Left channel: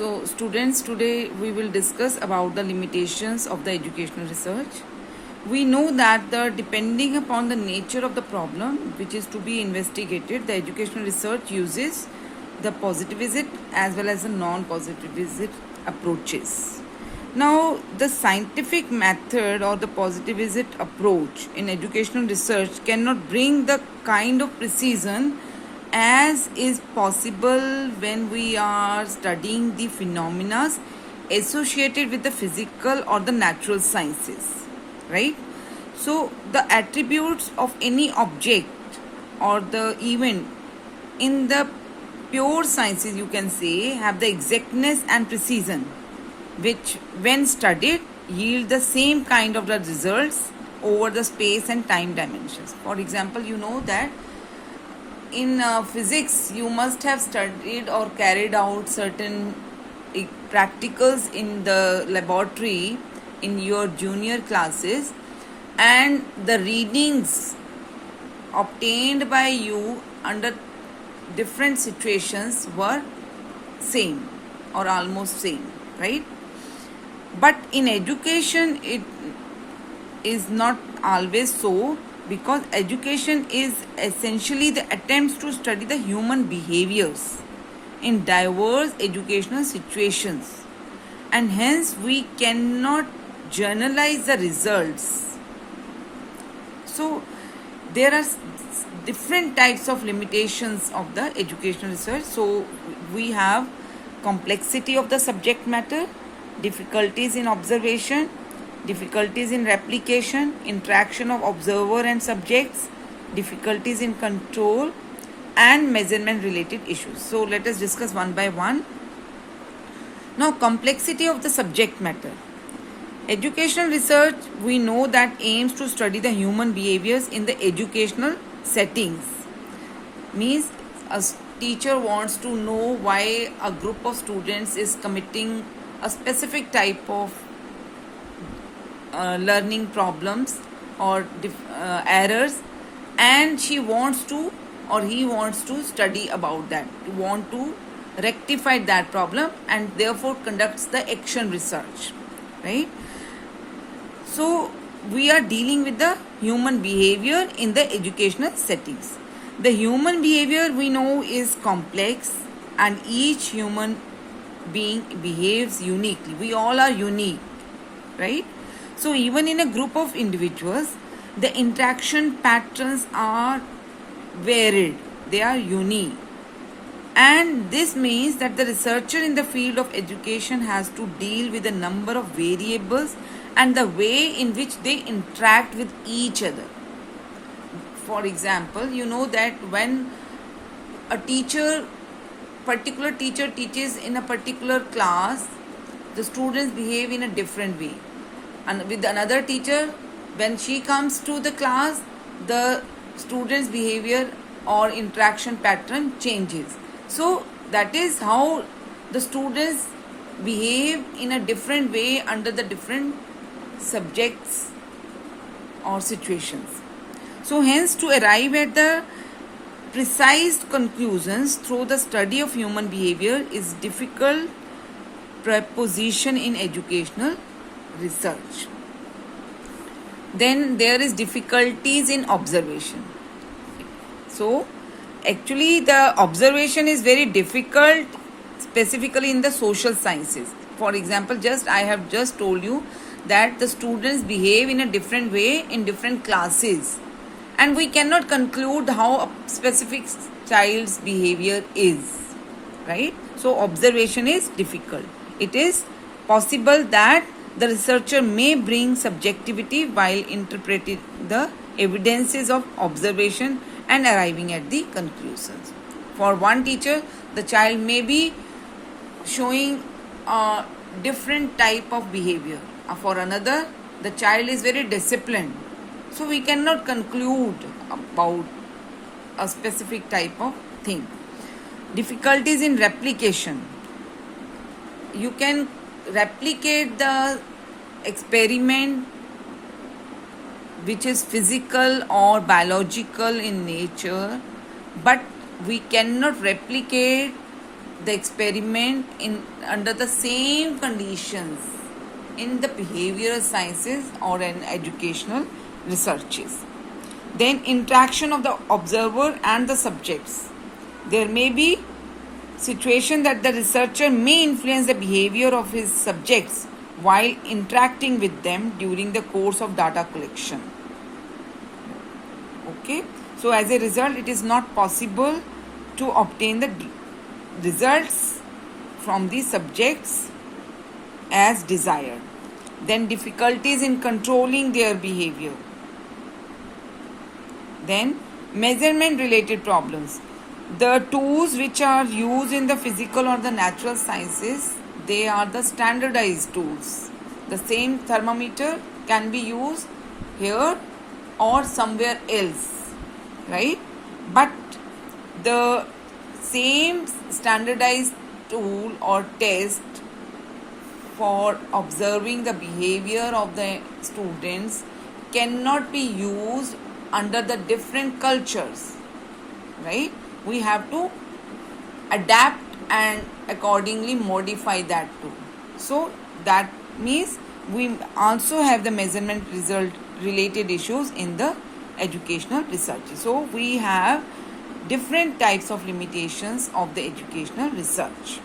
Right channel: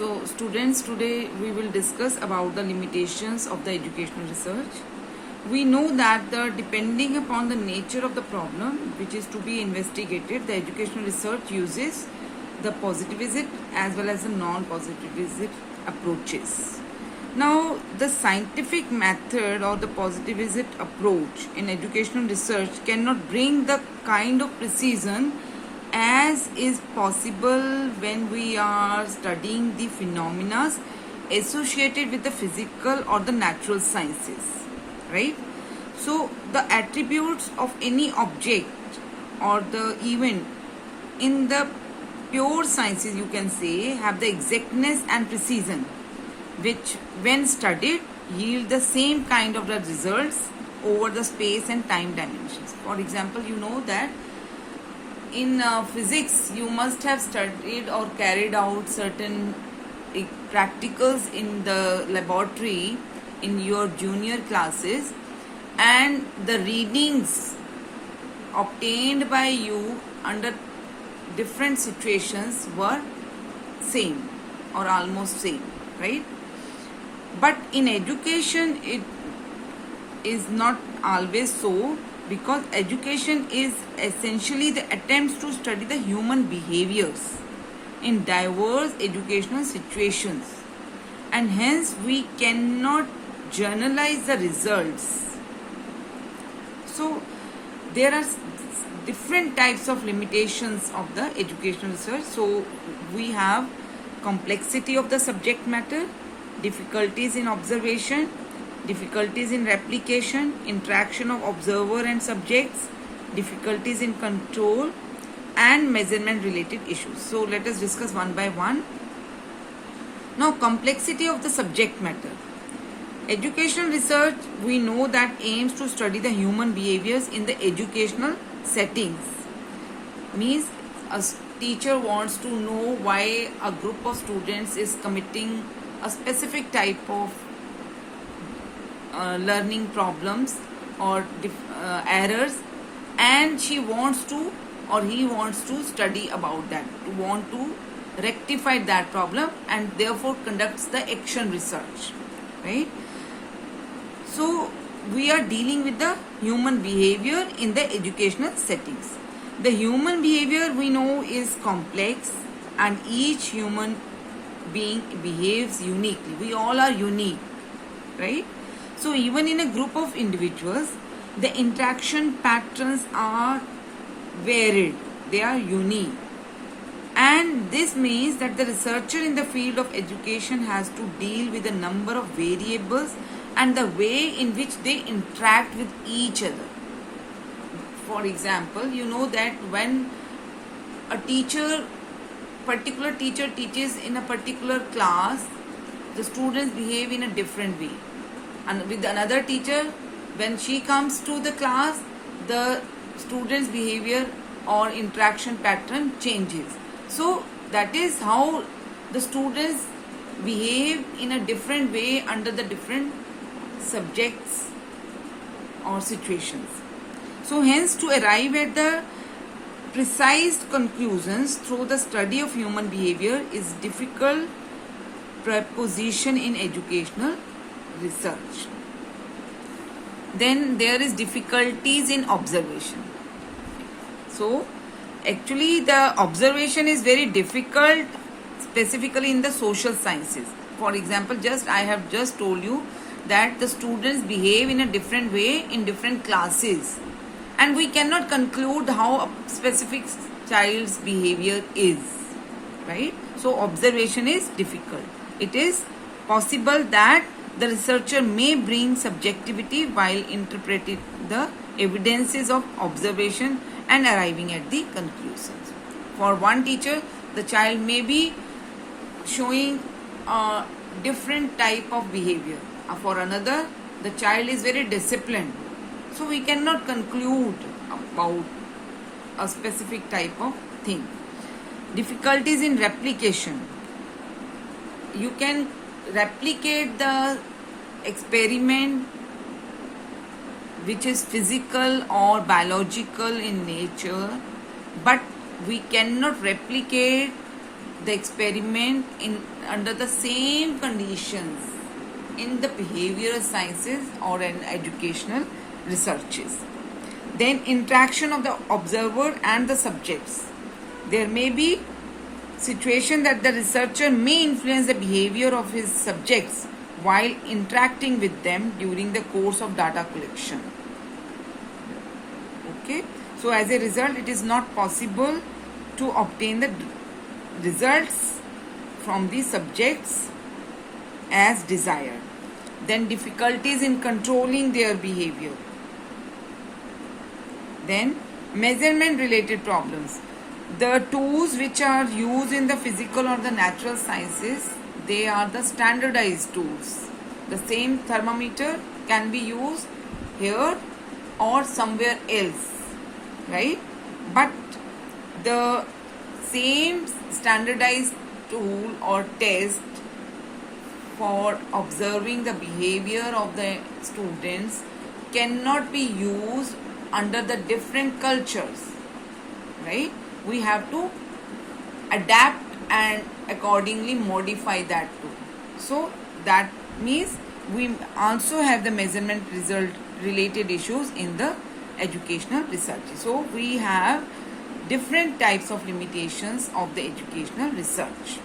So students, today we will discuss about the limitations of the educational research. We know that depending upon the nature of the problem which is to be investigated, the educational research uses the positivist as well as the non-positivist approaches. Now, the scientific method or the positivist approach in educational research cannot bring the kind of precision as is possible when we are studying the phenomena associated with the physical or the natural sciences, right? So the attributes of any object or the event in the pure sciences, you can say, have the exactness and precision which when studied yield the same kind of the results over the space and time dimensions. For example, you know that in physics you must have studied or carried out certain practicals in the laboratory in your junior classes, and the readings obtained by you under different situations were same or almost same, right? But in education it is not always so, because education is essentially the attempts to study the human behaviors in diverse educational situations, and hence we cannot generalize the results. So there are different types of limitations of the educational research. So we have complexity of the subject matter, difficulties in observation, difficulties in replication, interaction of observer and subjects, difficulties in control, and measurement related issues. So let us discuss one by one. Now, complexity of the subject matter. Educational research, we know that aims to study the human behaviors in the educational settings. Means a teacher wants to know why a group of students is committing a specific type of learning problems or errors, and she wants to or he wants to study about that, want to rectify that problem, and therefore conducts the action research, right? So we are dealing with the human behavior in the educational settings. The human behavior we know is complex, and each human being behaves uniquely. We all are unique, right? So even in a group of individuals, the interaction patterns are varied, they are unique. And this means that the researcher in the field of education has to deal with a number of variables and the way in which they interact with each other. For example, you know that when a particular teacher teaches in a particular class, the students behave in a different way. And with another teacher, when she comes to the class, the students' behavior or interaction pattern changes. So that is how the students behave in a different way under the different subjects or situations. So hence, to arrive at the precise conclusions through the study of human behavior is difficult proposition in educational research. Then there is difficulties in observation. So actually the observation is very difficult, specifically in the social sciences. For example, I have just told you that the students behave in a different way in different classes, and we cannot conclude how a specific child's behavior is, right? So observation is difficult. It is possible that the researcher may bring subjectivity while interpreting the evidences of observation and arriving at the conclusions. For one teacher, the child may be showing a different type of behavior. For another, the child is very disciplined. So we cannot conclude about a specific type of thing. Difficulties in replication. You can replicate the experiment which is physical or biological in nature, but we cannot replicate the experiment in under the same conditions in the behavioral sciences or in educational researches. Then interaction of the observer and the subjects. There may be situation that the researcher may influence the behavior of his subjects while interacting with them during the course of data collection. Okay, so as a result, it is not possible to obtain the results from the subjects as desired. Then difficulties in controlling their behavior. Then measurement related problems. The tools which are used in the physical or the natural sciences, they are the standardized tools. The same thermometer can be used here or somewhere else, right? But the same standardized tool or test for observing the behavior of the students cannot be used under the different cultures, right? We have to adapt and accordingly modify that too. So that means we also have the measurement result related issues in the educational research. So we have different types of limitations of the educational research.